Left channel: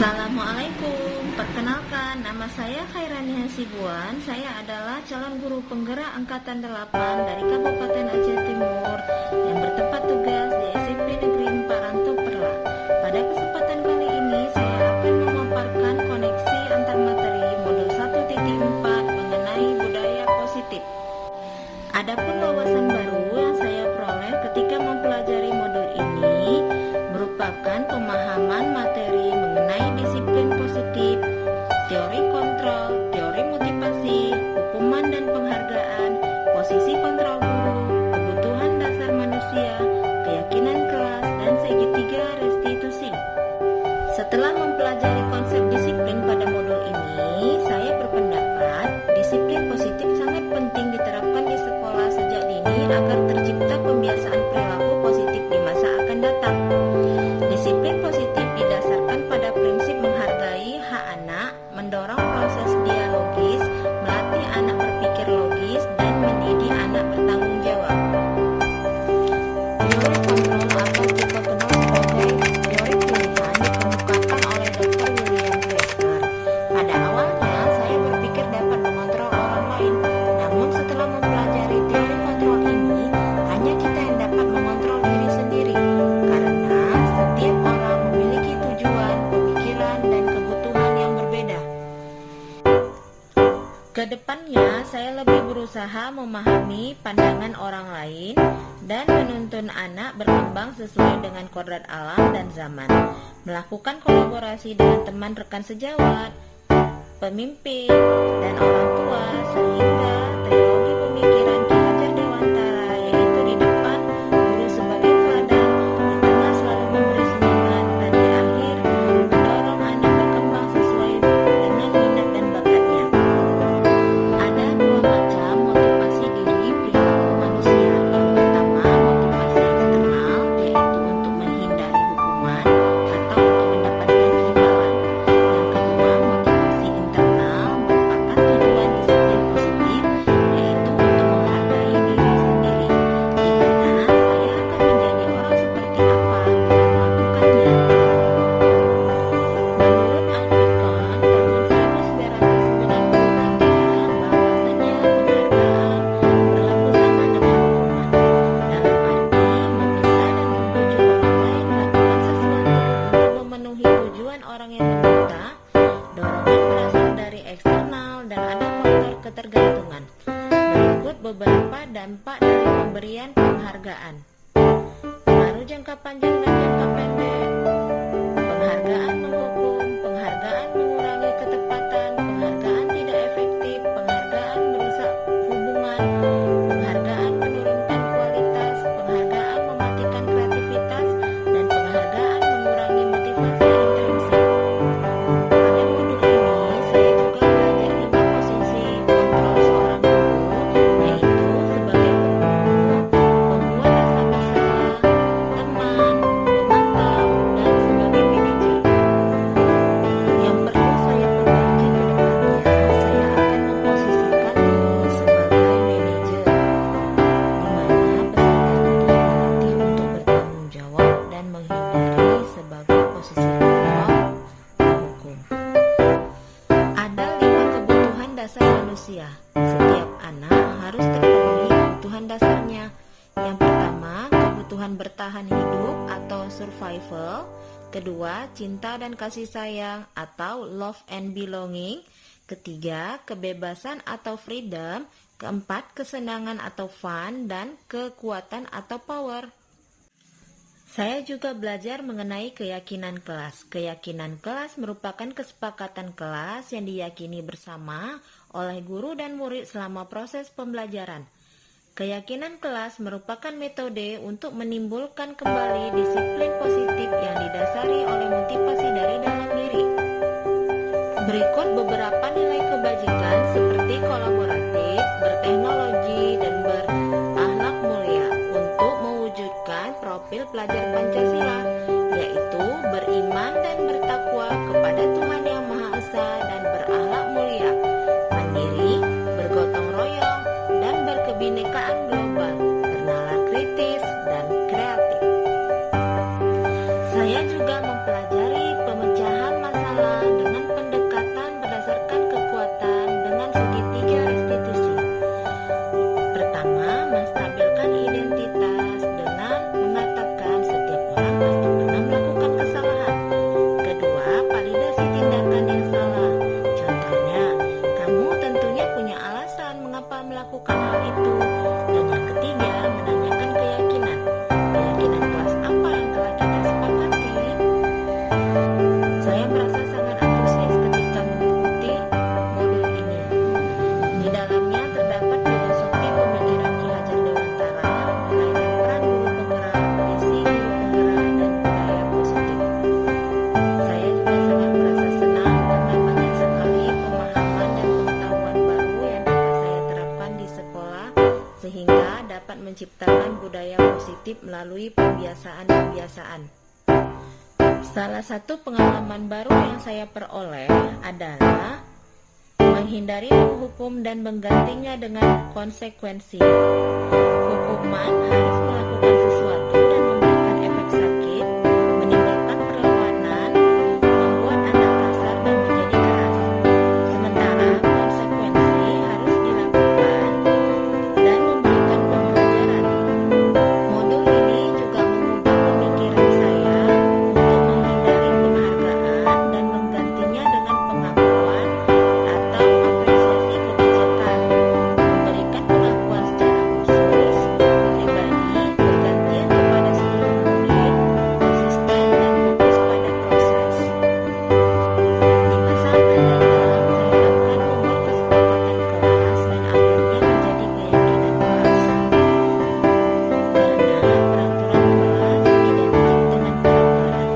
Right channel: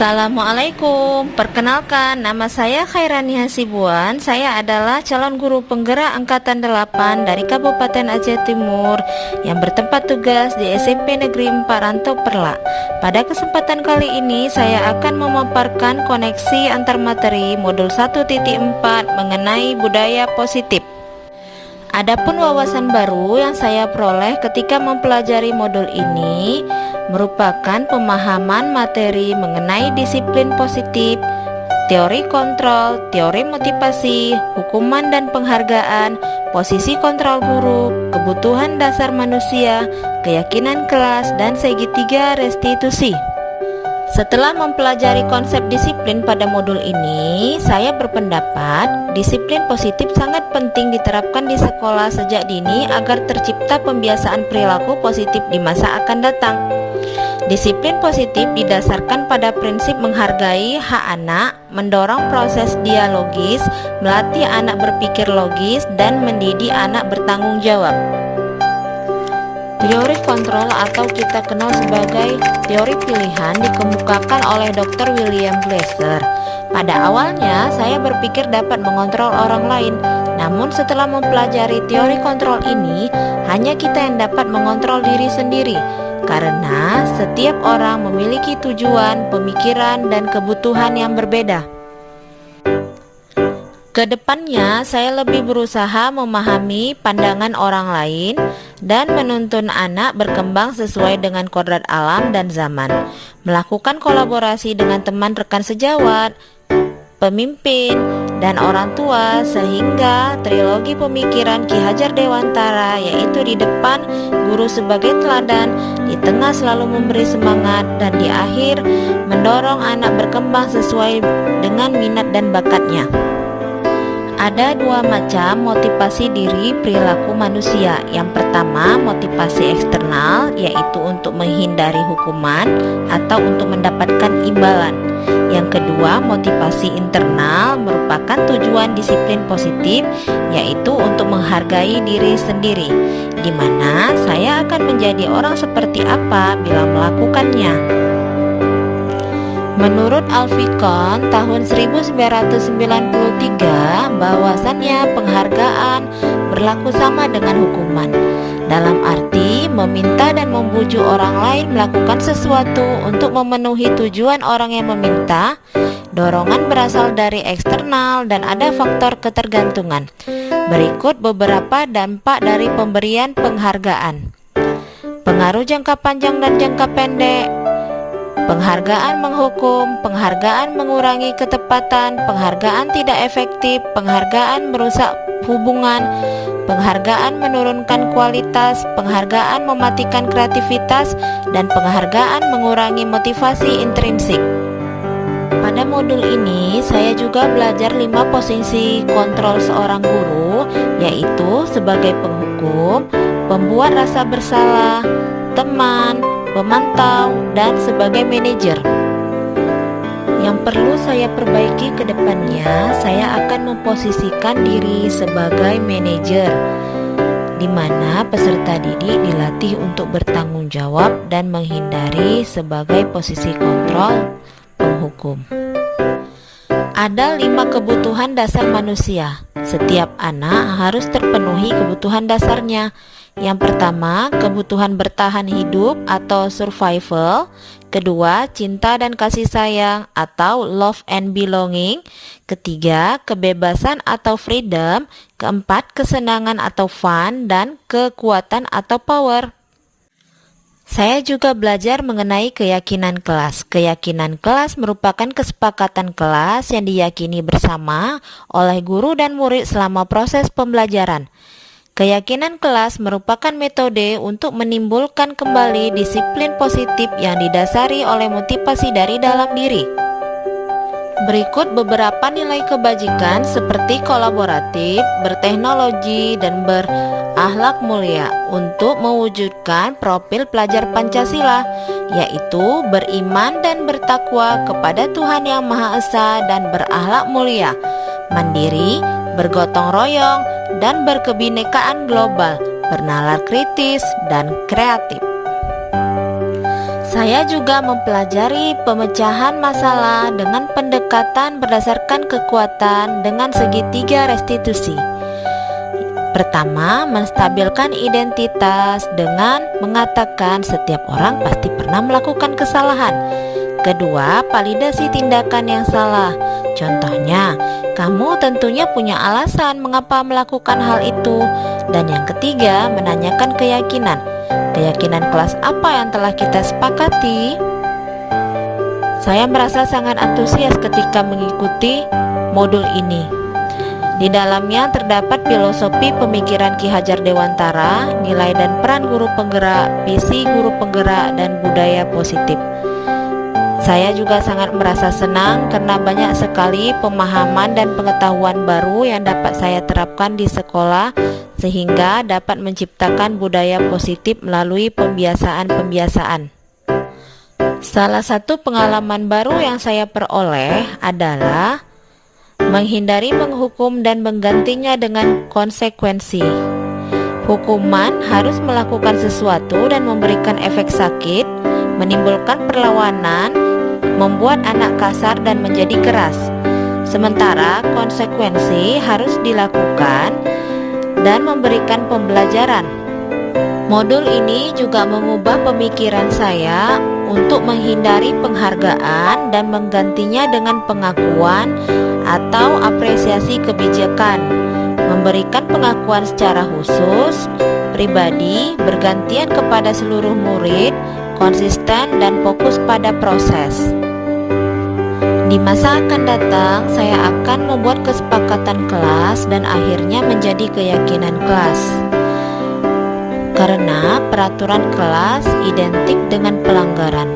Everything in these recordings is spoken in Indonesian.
Assalamualaikum, perkenalkan nama saya Khairani Hasibuan. Saya adalah calon guru penggerak angkatan 8 dari Kabupaten Aceh Timur yang bertempat tugas di SMP Negeri 4 Rantau Perlak. Pada kesempatan kali ini saya akan memaparkan koneksi antar materi modul 1.4 mengenai budaya positif. Adapun wawasan baru yang saya peroleh ketika mempelajari modul ini merupakan pemahaman materi mengenai disiplin positif, teori kontrol, teori motivasi, hukuman dan penghargaan, posisi kontrol guru, kebutuhan dasar manusia, keyakinan kelas, dan segitiga restitusi. Setelah mempelajari konsep disiplin pada modul ini, saya berpendapat disiplin positif sangat penting diterapkan di sekolah sejak dini agar tercipta pembiasaan perilaku positif di masa akan datang. Disiplin positif didasarkan pada prinsip menghargai hak anak, mendorong proses dialogis, melatih anak berpikir logis, dan mendidik anak bertanggung jawab. Teori kontrol atau kita kenal sebagai teori pilihan dikemukakan oleh Dr. William Glasser. Pada awalnya saya berpikir dapat mengontrol orang lain, namun setelah mempelajari teori kontrol ini, hanya kita yang dapat mengontrol diri sendiri. Karena setiap orang memiliki tujuan, pemikiran, dan kebutuhan yang berbeda. Kedepannya, saya lebih berusaha memahami pandangan orang lain dan menuntun anak berkembang sesuai dengan kodrat alam dan zaman, melakukan kolaborasi dengan teman rekan sejawat, pemimpin, dan orang tua, sehingga trilogi pemikiran Ki Hajar Dewantara, yaitu di depan guru sebagai teladan, di tengah selalu memberi semangat, dan di akhir mendorong anak berkembang sesuai dengan minat dan bakatnya. Ada dua macam motivasi diri perilaku manusia. Yang pertama, motivasi eksternal, yaitu untuk menghindari hukuman atau untuk mendapatkan imbalan. Yang kedua, motivasi internal, merupakan tujuan disiplin positif, yaitu untuk menghargai diri sendiri, di mana saya akan menjadi orang seperti apa bila melakukannya. Menurut Alfikon tahun 1993, bahwasannya penghargaan berlaku sama dengan hukuman, dalam arti meminta dan membujuk orang lain melakukan sesuatu untuk memenuhi tujuan orang yang meminta. Dorongan berasal dari eksternal dan ada faktor ketergantungan. Berikut beberapa dampak dari pemberian penghargaan. Pengaruh jangka panjang dan jangka pendek. Penghargaan menghukum, penghargaan mengurangi ketepatan, penghargaan tidak efektif, penghargaan merusak hubungan, penghargaan menurunkan kualitas, penghargaan mematikan kreativitas, dan penghargaan mengurangi motivasi intrinsik. Pada modul ini, saya juga belajar 5 posisi kontrol seorang guru, yaitu sebagai penghukum, pembuat rasa bersalah, teman, pemantau, dan sebagai manajer. Yang perlu saya perbaiki ke depannya, saya akan memposisikan diri sebagai manajer, di mana peserta didik dilatih untuk bertanggung jawab dan menghindari sebagai posisi kontrol penghukum. Ada 5 kebutuhan dasar manusia. Setiap anak harus terpenuhi kebutuhan dasarnya. Yang pertama, kebutuhan bertahan hidup atau survival. Kedua, cinta dan kasih sayang atau love and belonging. Ketiga, kebebasan atau freedom. Keempat, kesenangan atau fun. Dan kekuatan atau power. Saya juga belajar mengenai keyakinan kelas. Keyakinan kelas merupakan kesepakatan kelas yang diyakini bersama oleh guru dan murid selama proses pembelajaran. Keyakinan kelas merupakan metode untuk menimbulkan kembali disiplin positif yang didasari oleh motivasi dari dalam diri. Berikut beberapa nilai kebajikan seperti kolaboratif, berteknologi, dan berakhlak mulia untuk mewujudkan profil pelajar Pancasila, yaitu beriman dan bertakwa kepada Tuhan Yang Maha Esa dan berakhlak mulia, mandiri, bergotong royong, dan berkebinekaan global, bernalar kritis, dan kreatif. Saya juga mempelajari pemecahan masalah dengan pendekatan berdasarkan kekuatan dengan segitiga restitusi. Pertama, menstabilkan identitas dengan mengatakan setiap orang pasti pernah melakukan kesalahan. Kedua, validasi tindakan yang salah. Contohnya, kamu tentunya punya alasan mengapa melakukan hal itu. Dan yang ketiga, menanyakan keyakinan. Keyakinan kelas apa yang telah kita sepakati? Saya merasa sangat antusias ketika mengikuti modul ini. Di dalamnya terdapat filosofi pemikiran Ki Hajar Dewantara, nilai dan peran guru penggerak, visi guru penggerak, dan budaya positif. Saya juga sangat merasa senang karena banyak sekali pemahaman dan pengetahuan baru yang dapat saya terapkan di sekolah, sehingga dapat menciptakan budaya positif melalui pembiasaan-pembiasaan. Salah satu pengalaman baru yang saya peroleh adalah menghindari menghukum dan menggantinya dengan konsekuensi. Hukuman harus melakukan sesuatu dan memberikan efek sakit, menimbulkan perlawanan, membuat anak kasar dan menjadi keras. Sementara konsekuensi harus dilakukan dan memberikan pembelajaran. Modul ini juga mengubah pemikiran saya untuk menghindari penghargaan dan menggantinya dengan pengakuan atau apresiasi kebijakan, memberikan pengakuan secara khusus, pribadi, bergantian kepada seluruh murid, konsisten dan fokus pada proses. Di masa akan datang, saya akan membuat kesepakatan kelas dan akhirnya menjadi keyakinan kelas. Karena peraturan kelas identik dengan pelanggaran.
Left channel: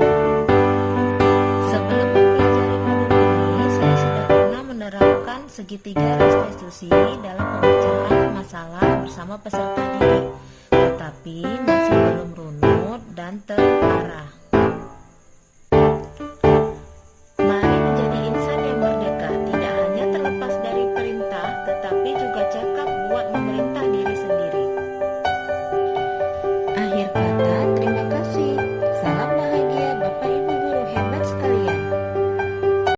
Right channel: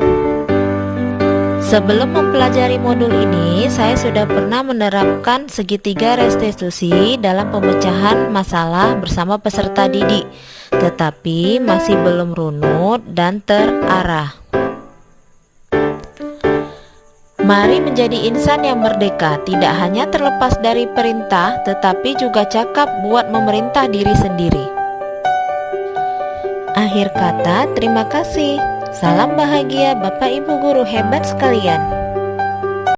Sebelum mempelajari modul ini, saya sudah pernah menerapkan segitiga restitusi dalam pemecahan masalah bersama peserta didik, tetapi masih belum runut dan terarah. Mari menjadi insan yang merdeka, tidak hanya terlepas dari perintah, tetapi juga cakap buat memerintah diri sendiri. Akhir kata, terima kasih. Salam bahagia Bapak Ibu guru hebat sekalian.